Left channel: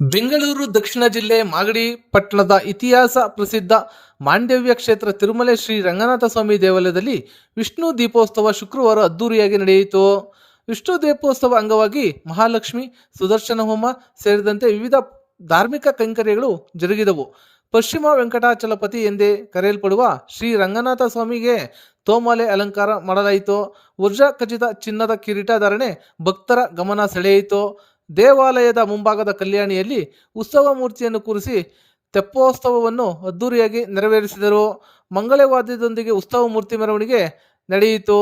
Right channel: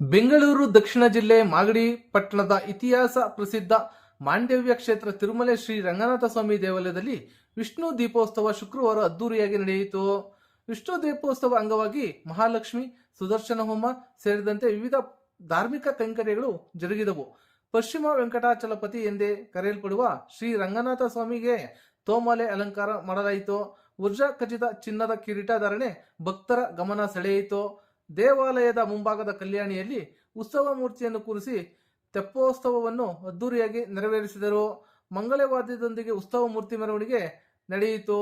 ಬೆಂಗಳೂರು ದಕ್ಷಿಣ ಜಿಲ್ಲೆ ಮಾಗಡಿ ಪಟ್ಟಣದ ಇತಿಹಾಸ ಪ್ರಸಿದ್ಧ ಮಾಂಡವ್ಯ ಕ್ಷೇತ್ರ ತಿರುಮಲೆ ಶ್ರೀ ರಂಗನಾಥ ಸ್ವಾಮಿ ದೇವಾಲಯದಲ್ಲಿ ವಿಷ್ಣು ದೀಪೋತ್ಸವ ಶುಕ್ರವಾರ ಅದ್ದೂರಿಯಾಗಿ ನಡೆಯಿತು. ವಿಷ್ಣು ದೀಪೋತ್ಸವ ಅಂಗವಾಗಿ ಮಹಾಲಕ್ಷ್ಮಿ, ಸುದರ್ಶನ ಹೋಮ ಸೇರಿದಂತೆ ವಿವಿಧ ಧಾರ್ಮಿಕ ಕೈಂಕರ್ಯಗಳು ಜರುಗಿದವು. ಪಶ್ಚಿಮ ವೆಂಕಟಾಚಲಪತಿ ಎಂದೇ ಕರೆಯಲ್ಪಡುವ ಶ್ರೀ ರಂಗನಾಥ ಸ್ವಾಮಿಗೆ ತೋಮಾಲೆ ಅಲಂಕಾರ ಮಾಡಲಾಯಿತು. ವಜ್ರ ಖಚಿತ ಚಿನ್ನದ ಕಿರೀಟ ಧಾರಣೆ ಭಕ್ತರ ಗಮನ ಸೆಳೆಯಿತು. ದೇವಾಲಯದ ಮುಂಭಾಗದ ಕಲ್ಯಾಣಿಯಲ್ಲಿ ಉತ್ಸವ ಮೂರ್ತಿಯನ್ನು ಕೂರಿಸಿ ತೆಪ್ಪೋತ್ಸವವನ್ನು ಅದ್ದೂರಿಯಾಗಿ ನೆರವೇರಿಸಿದರು. ಮಂಗಳವಾದ್ಯದೊಂದಿಗೆ ಉತ್ಸವ ಮೂರ್ತಿ ಮೆರವಣಿಗೆ ನಡೆಯಿತು.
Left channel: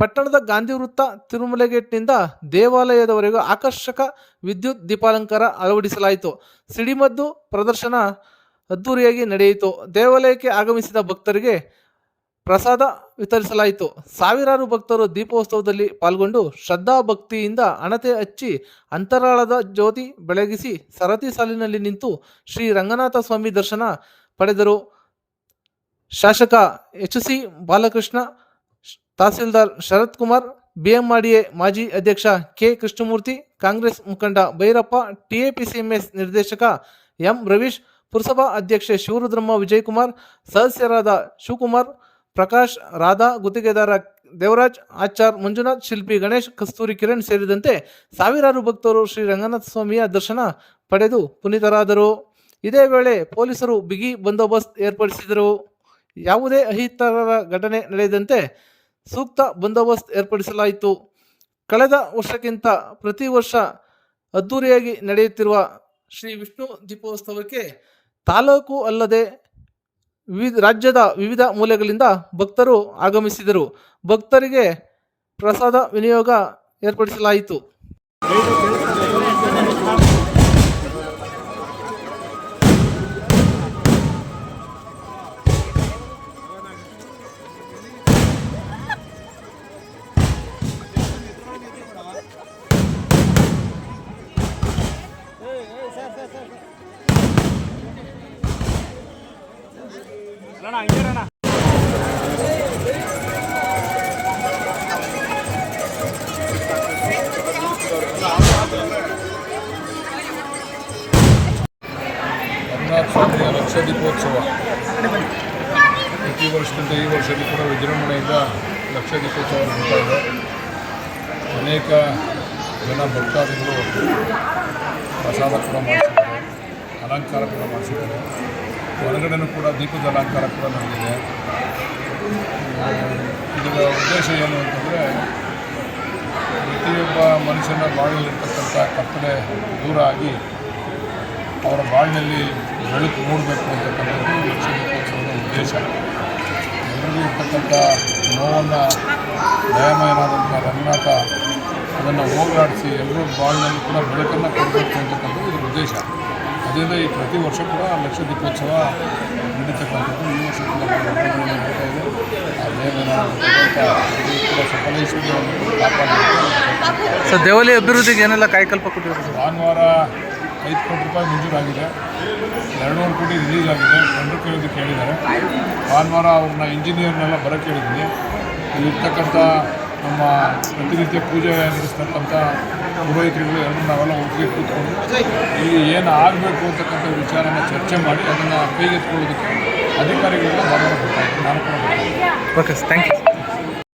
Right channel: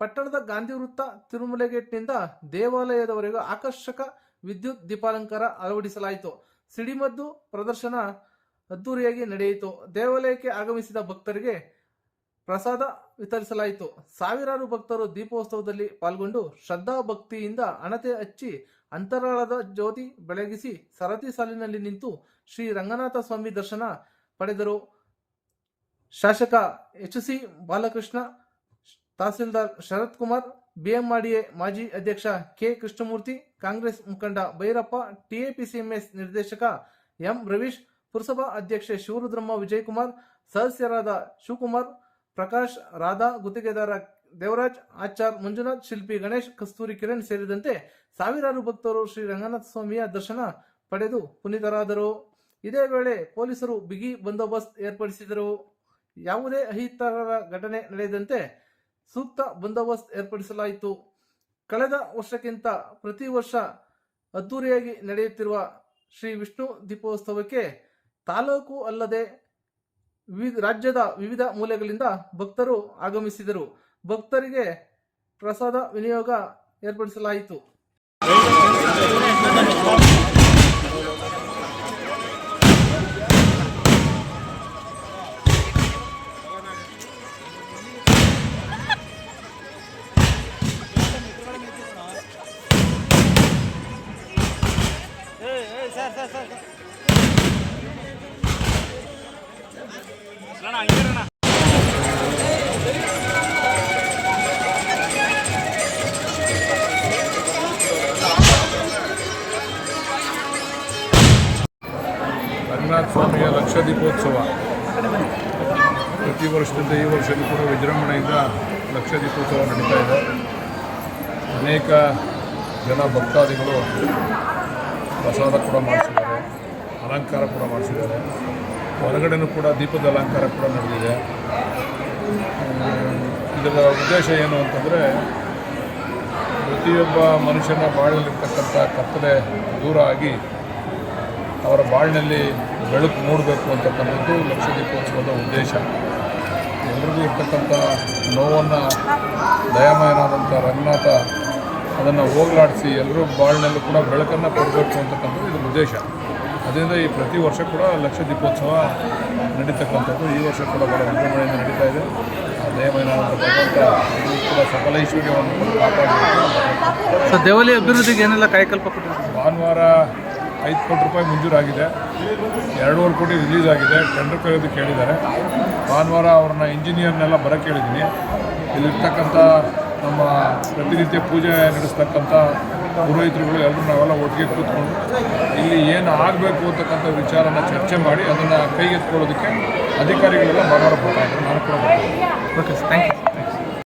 ಪಟ್ಟಣದ ಗಾಂಧಿ ವೃತ್ತ ತಿರುಮಲೆ ಗೇಟ್ನಿಂದ ದೇವಾಲಯದವರೆಗೂ ಆಕರ್ಷಕ ವಿದ್ಯುತ್ ದೀಪಾಲಂಕಾರ ಅಳವಡಿಸಲಾಯಿತು. ಸಿಡಿಮದ್ದು ಪ್ರದರ್ಶನ ಅದ್ದೂರಿಯಾಗಿ ನಡೆಯಿತು. ದೇವಾಲಯಕ್ಕೆ ಆಗಮಿಸಿದ ಭಕ್ತರಿಗೆ ಪ್ರಸಾದ ವಿತರಿಸಲಾಯಿತು. ಸಾವಿರಾರು ಭಕ್ತರು ದೀಪೋತ್ಸವದಲ್ಲಿ ಪಾಲ್ಗೊಂಡು ಶ್ರದ್ಧಾ ಭಕ್ತಿಯಿಂದ ಹಣತೆ ಹಚ್ಚಿ ಅಂತರಾಳದ ಜ್ಯೋತಿ ಬೆಳಗಿಸಿ ಸರತಿ ಸಾಲಿನಲ್ಲಿ ನಿಂತು ಶ್ರೀ ರಂಗನಾಥ ಸ್ವಾಮಿ ದರ್ಶನ ಪಡೆದರು. ಶಾಸಕ ಎಚ್.ಸಿ. ಬಾಲಕೃಷ್ಣ, ತಹಸೀಲ್ದಾರ್ ಶರತ್ ಕುಮಾರ್, ಬಿಎಂಆರ್ಡಿಎ ಮಾಜಿ ಅಧ್ಯಕ್ಷ ಕೆ. ಕೃಷ್ಣಮೂರ್ತಿ, ಕಾಂಗ್ರೆಸ್ ಮುಖಂಡ ಭೈರಪ್ಪ, ಟಿಎಪಿಸಿಎಂಎಸ್ ನಿರ್ದೇಶಕ ಎಂ. ರವೀಶ್, ಪುರಸಭಾ ಅಧ್ಯಕ್ಷೆ ಶಿವರುದ್ರಮ್ಮ ವಿಜಯಕುಮಾರ್, ಸದಸ್ಯರಾದ ಶಿವಕುಮಾರ್, ಪ್ರಕಾಶ್, ರಾಧಾ, ಗುತ್ತಿಗೆದಾರ ದೇವರಾಜ್, ಆಚಾರ್, ಮಂಜುನಾಥ್, ಶಿಲ್ಪಿ ಗಣೇಶ್, ಕಸ್ತೂರಿ ಕಿರಣ್ ಸೇರಿದಂತೆ ಸಾವಿರಾರು ಭಕ್ತರು ಶ್ರೀ ರಂಗನಾಥ ಸ್ವಾಮಿಯ ದರ್ಶನ ಪಡೆದು ಪುನೀತರಾದರು. ಇದೇ ವೇಳೆ ಪೊಲೀಸರು ಬಿಗಿ ಬಂದೋಬಸ್ತ್ ಏರ್ಪಡಿಸಿದರು. ಯಾವುದೇ ಅಹಿತಕರ ಘಟನೆ ನಡೆಯದಂತೆ ಸೂಕ್ತ ಬಂದೋಬಸ್ತ್ ಏರ್ಪಡಿಸಲಾಯಿತು. ಕಳೆದ ವರ್ಷಕ್ಕಿಂತ ಪ್ರತಿ ವರ್ಷ ಅದ್ದೂರಿಯಾಗಿ ನಡೆಯುತ್ತಿರುವ ಶ್ರೀ ವಿಷ್ಣು ದೀಪೋತ್ಸವಕ್ಕೆ ತಾಲೂಕು ಅಲ್ಲದೆ ರಾಜ್ಯದ ವಿವಿಧ ಮೂಲೆಗಳಿಂದ ಭಕ್ತರು ಆಗಮಿಸಿದರು. ಭಕ್ತರಿಗೆ ಪ್ರಸಾದ ವಿನಿಯೋಗ ಏರ್ಪಡಿಸಲಾಯಿತು. ರಂಗನಾಥ ಸ್ವಾಮಿಯ ಲಕ್ಷ ದೀಪೋತ್ಸವ ಪ್ರತಿ ವರ್ಷದಂತೆ ಈ ವರ್ಷದಲ್ಲಿ ಕೂಡ ವಿಜೃಂಭಣೆಯಿಂದ ಲಕ್ಷ ದೀಪೋತ್ಸವ ನಡೀತಾ ಇದೆ. ಅನೇಕ ಜನ ಭಕ್ತಾದಿಗಳು ಪ್ರಸಾದ ಕೂಡ ಮಾಡಿಸಿದ್ದಾರೆ, ಅಲಂಕಾರ ಕೂಡ ಮಾಡಿಸಿದ್ದಾರೆ. ಹೊರಗಡೆನೂ ಕೂಡ ದೀಪದ ಅಲಂಕಾರ ಕೂಡ ನಡೆದಿದೆ. ಇದರ ಉದ್ದೇಶ ಏನು ಅಂತಂದರೆ, ಪ್ರತಿಯೊಬ್ಬ ಮನುಷ್ಯನ ಬಾಳಲ್ಲಿರ್ತಕ್ಕಂಥ ಕತ್ತಲೆ ದೂರ ಆಗಿ ಅವರ ಬಾಳಿನಲ್ಲಿ ಬೆಳಕು ಮೂಡಬೇಕು ಅಂತಕ್ಕಂಥದ್ದು ಲಕ್ಷ ದೀಪೋತ್ಸವದ ಉದ್ದೇಶ. ಎಲ್ಲರಿಗೂ ಇರ್ತಕ್ಕಂಥ ನೋವನ್ನು ದಯಾಮಯನಾದಂಥ ರಂಗನಾಥ ಅದನ್ನು ಹೋಗಲಾಡಿಸಿ ಎಲ್ಲರೂ ಬಾಳಿನಲ್ಲೂ ಕೂಡ ಬೆಳಕನ್ನು ಕೊಡಬೇಕು ಅಂತಕ್ಕಂಥದ್ದು ಇದರ ಉದ್ದೇಶ. ಅದರಿಂದ ಈ ಪ್ರತಿ ವರ್ಷ ಕೂಡ ಲಕ್ಷ ದೀಪೋತ್ಸವ ನಡೀತಕ್ಕಂಥದ್ದು ಈ ವರ್ಷ ಕೂಡ ಭಾಳ ವಿಜೃಂಭಣೆಯಿಂದ ನಡೀತಾ ಇದೆ. ಆ ದಯಾಮಯನಾದಂಥ ಕೂಡ ಸಕಲ ಐಶ್ವರ್ಯವನ್ನು ಕಾಪಾಡಬೇಕು. ಸರ್, ದೇವಾಲಯ ಅಭಿವೃದ್ಧಿಗೆ ಏನೆಲ್ಲ ಕಾಯಕಲ್ಪ ಕೊಟ್ಟಿದ್ದಾರೆ? ಭಾನುವಾರ 5 ಕೋಟಿ ರೂಪಾಯಿ ಮಂಜೂರಾಗಿದೆ, 2.5 ಕೋಟಿ ರಿಲೀಸ್ ಆಗಿದೆ. ಟೆಂಡರ್ ಕರೆಯೋದಕ್ಕೆ ಹೇಳಿದ್ದಾರೆ. ಭಾನುವಾರ ಅವ್ರನ್ನ ಇಂಜಿನಿಯರ್ನೆಲ್ಲ ಬರೋಕ್ಕೆ ಹೇಳಿದ್ದೀನಿ. ಇಲ್ಲಿರ್ತಕ್ಕಂಥ ನಮ್ಮ ಪ್ರತಿನಿತ್ಯ ಪೂಜೆ ನಡೆಸ್ತಕ್ಕಂಥ ಪುರೋಹಿತರುಗಳು ಎಲ್ಲರೂ ನಾವೆಲ್ಲ ಒಟ್ಟಿಗೆ ಕೂತ್ಕೊಂಡು ಇಲ್ಲಿ ಏನು ಆಗಬೇಕು ಅಂತಕ್ಕಂಥ ವಿಚಾರನ ಚರ್ಚೆ ಮಾಡಿ ಅದನ್ನು ಕೈಗೆತ್ಕೊಳ್ಳೋದಕ್ಕೆ ಅಧಿಕಾರಿಗಳೆಲ್ಲ ಭಾನುವಾರ ಬರ್ತಾಯಿದ್ರು. ನಾನು ಕೂಡ ಬರ್ತೀನಿ. Okay, thank you.